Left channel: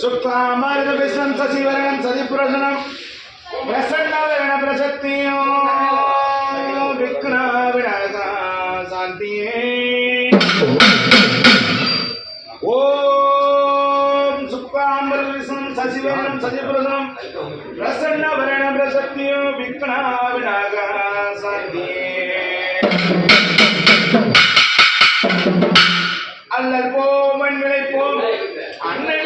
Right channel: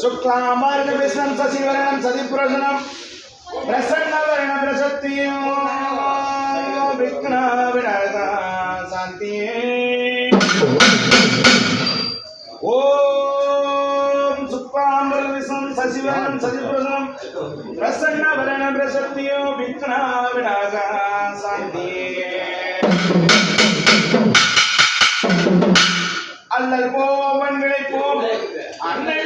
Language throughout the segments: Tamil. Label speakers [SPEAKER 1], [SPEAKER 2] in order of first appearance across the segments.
[SPEAKER 1] शुक्लाम्बारदविश्वं सशिवरणं सदिपुरशनं प्रसन्नवर्णप्रसत्तियो विघ्नविनाशा शान्ति ॐ शुक्लाम्बरविश्वं सशिवरणं सदिपुरशनं प्रसन्नवर्णप्रसत्तियो विघ्नविनाशा शान्ति அல்லல் போம் மண் விளைப்போம் அன்னை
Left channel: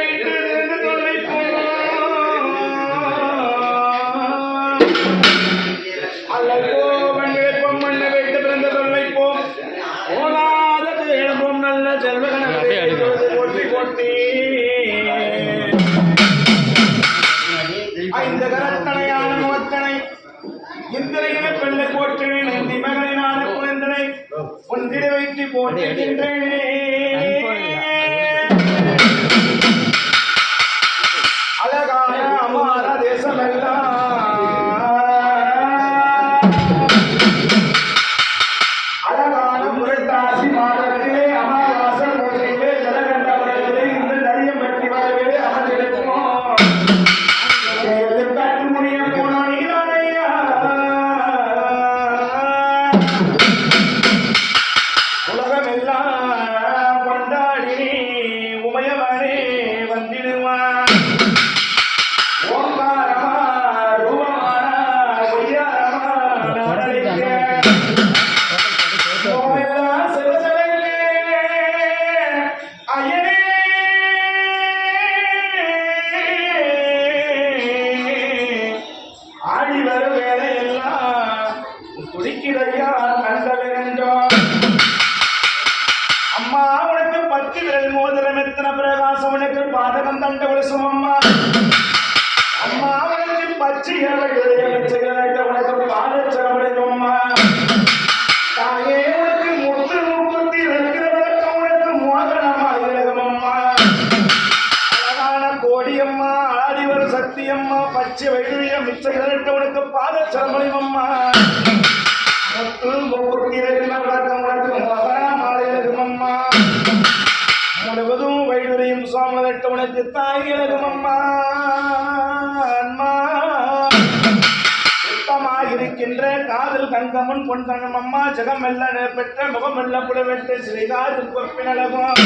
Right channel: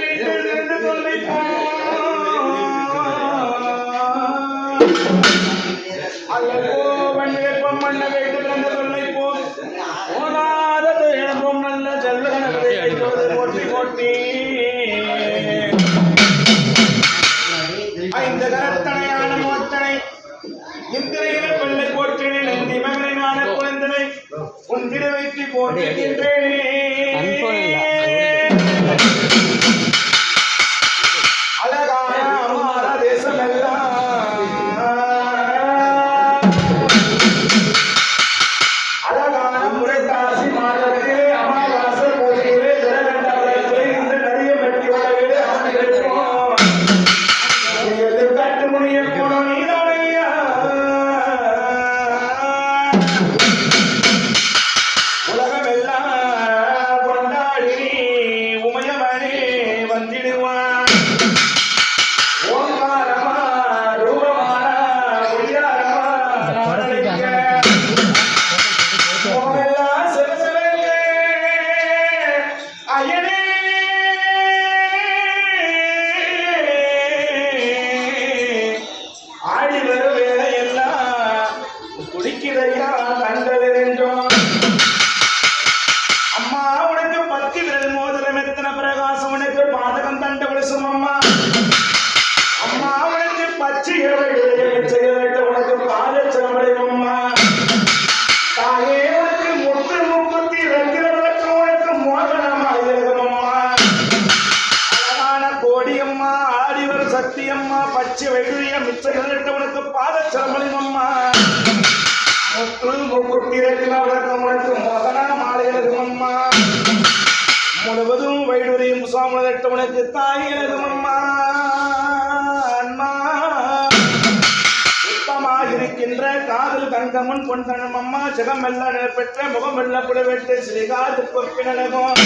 [SPEAKER 1] போட்டி போட்டி ஐந்து கரத்தனையான முகத்தனை இந்திரையில பிள்ளை போற்றினை நந்தி மகனான குழந்தனை உந்திர வைத்து போற்றுகின்றேனே. சக்தியம்மா பச்சை வைடுரிய மிச்சகிரட்டு உனக்கு பாதச்சரமணியம் அம்மா. முத்து முப்பத்தி ரெண்டு உனக்கு மோகனா மாலையிலகும் முழுவதும் வைடுரியும் சுவாமிழட்டு உனக்கு தாய் எனகும் அம்மா. அம்மா சுத்தமாயிருக்கின்ற காதல் கங்கமன் பொன்தனம் அம்மா. ஜெகமெல்ல பெற்ற முகமெல்ல புலவெட்டு ஸ்ரீகாது பொற்பினலகம்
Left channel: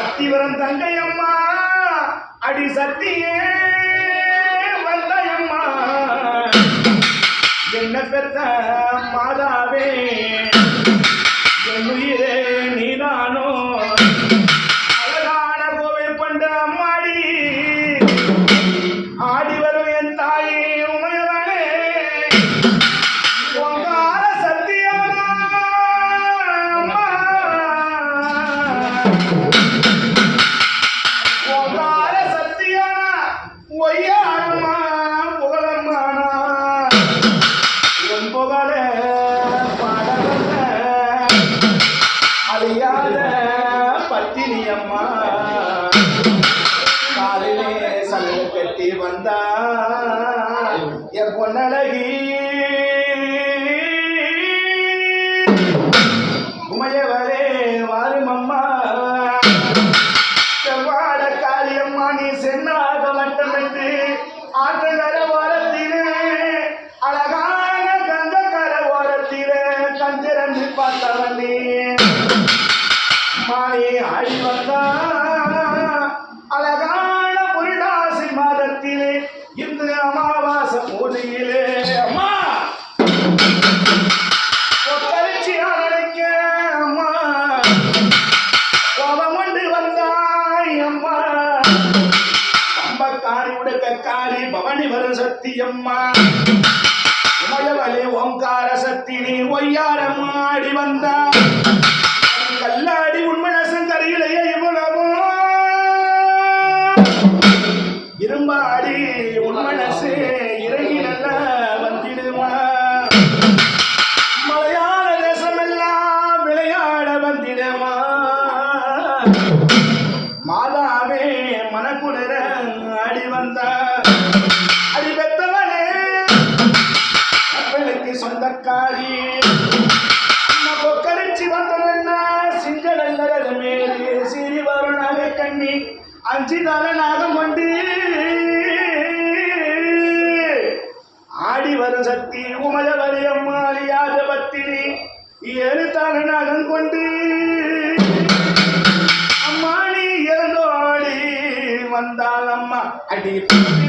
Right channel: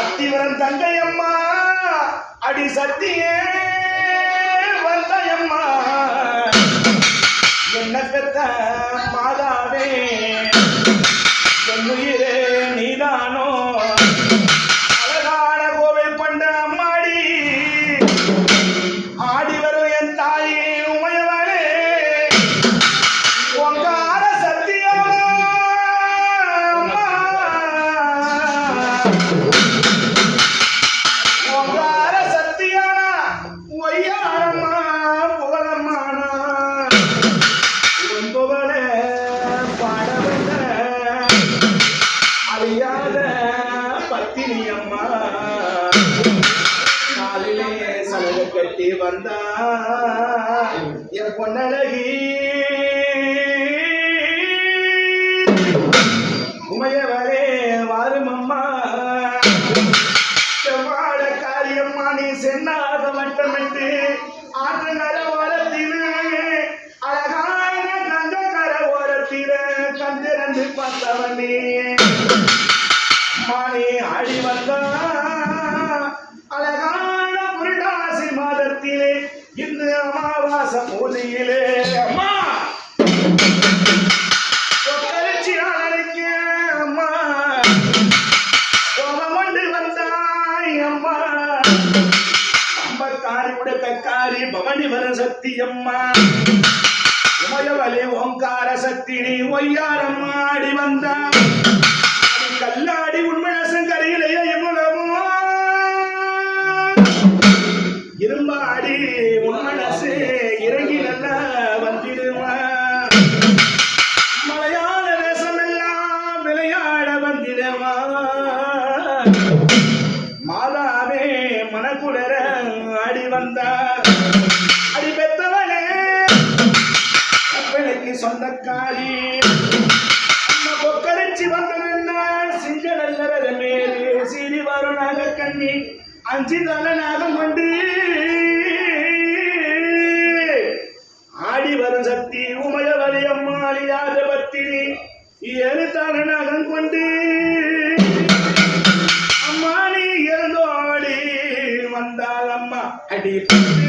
[SPEAKER 1] அத்திவரம் தங்கையம்மா அடி சத்தியே வந்தயம்மா. என்ன பெத்த மாதாவே என் உயிரே நீதானோ? பூஜையிலே. அம்மா! பவனி வரு சக்தி அம்மா. உமயவலே ஓங்கார சக்தி நீ ஒய்யாரம்மாடி வந்தான் மனக்குளிர அடி வந்த அடி பெத்தவனே பிள்ளைக்கு சொந்தக்காரி. அம்மா கொக்கரிச்சி வந்தனன்னா சிஞ்சடல்லர மேலே சிறிவார நாக கண்ணி அஞ்சு தல நாகம் கொண்டு ஆடி வரும் சக்தி உமயவலி அம்மாளி யாஜபத்தினி ஏழு தான கொண்டு Felipe.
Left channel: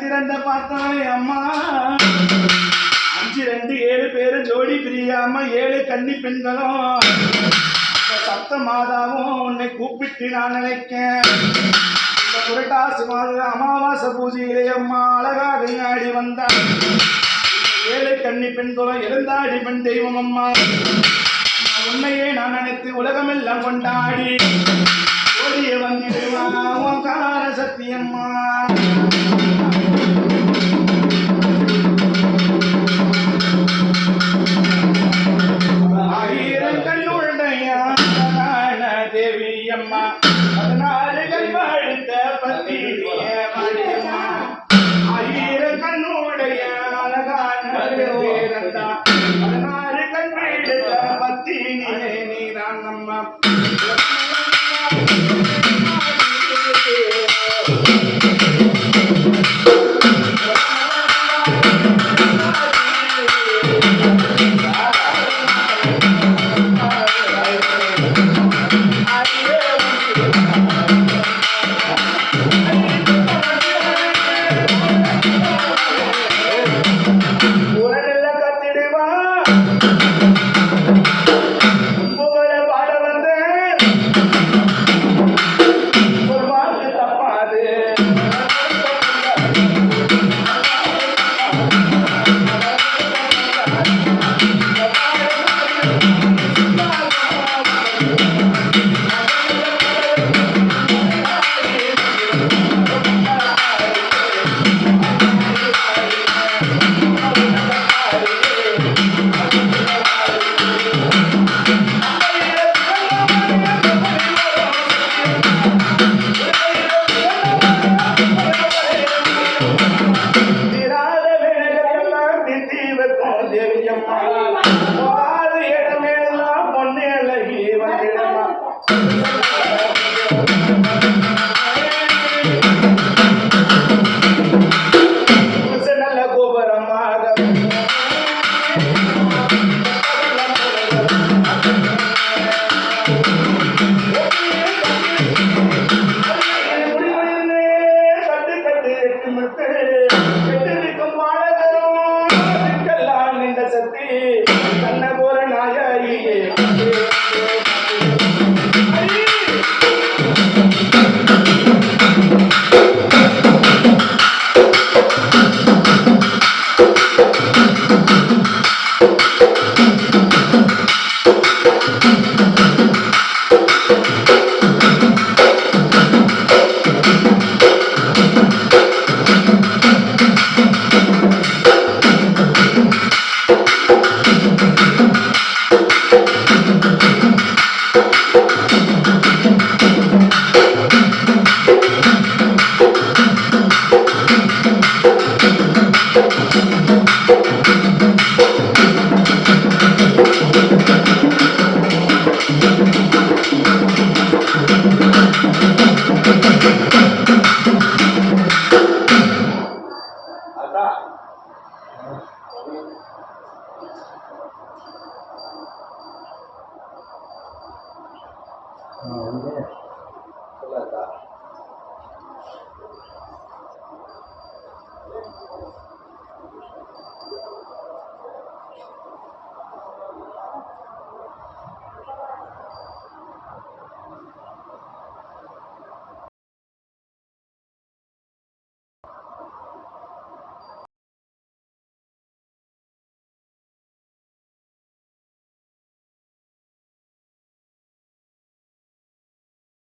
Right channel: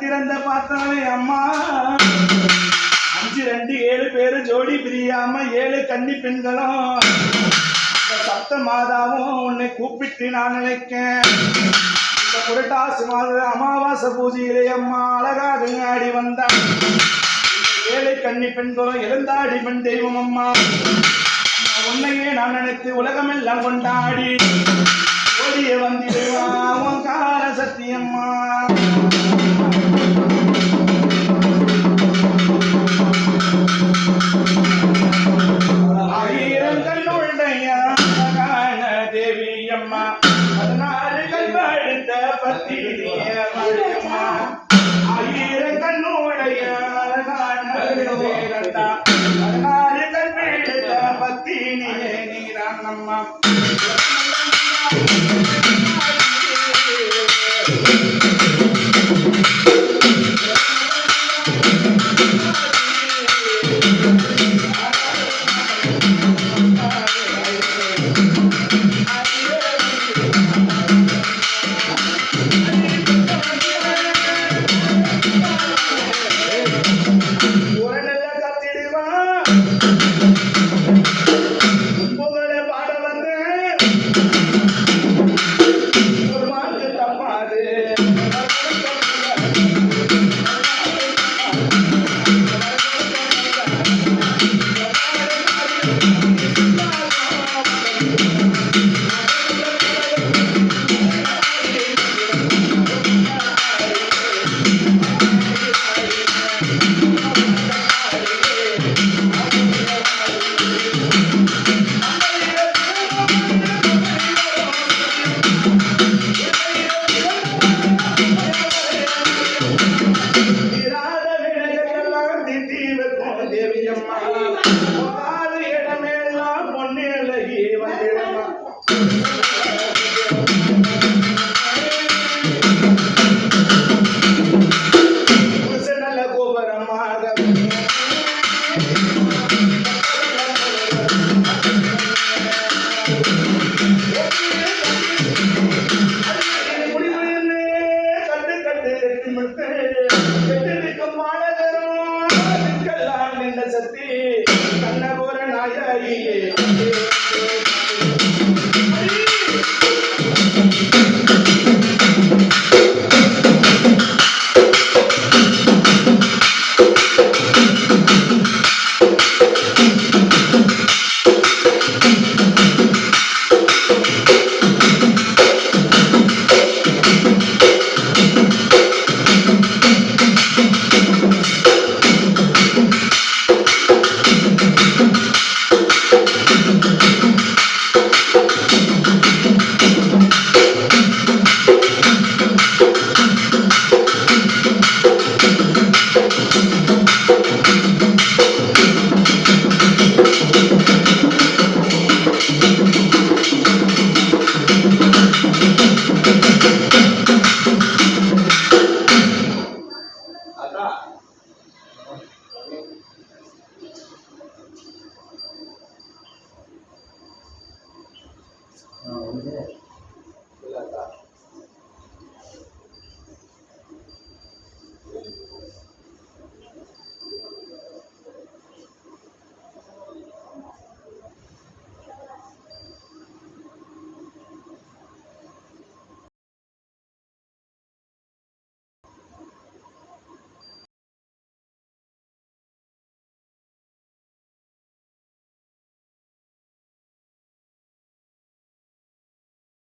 [SPEAKER 1] திறந்த பார்த்தவன் அம்மா. அஞ்சு ரெண்டு ஏழு பேரும் ஜோடி பிரியாம ஏழு கன்னி பெண்களும். சப்த மாதாவும் உன்னை கூப்பிட்டு நான் நினைக்கேன். இந்த புரட்டாசி மாத அமாவாசை பூஜையிலே அம்மா அழகாக ஆடி வந்தான். ஏழை கன்னி பெண்களும் எழுந்தாடி பெண் தெய்வம் அம்மா. உன்னையே நான் நினைத்து உலகமெல்லாம் கொண்டாடி. ஓடிய வந்திடுவான் உன் கால சத்தியம்மா.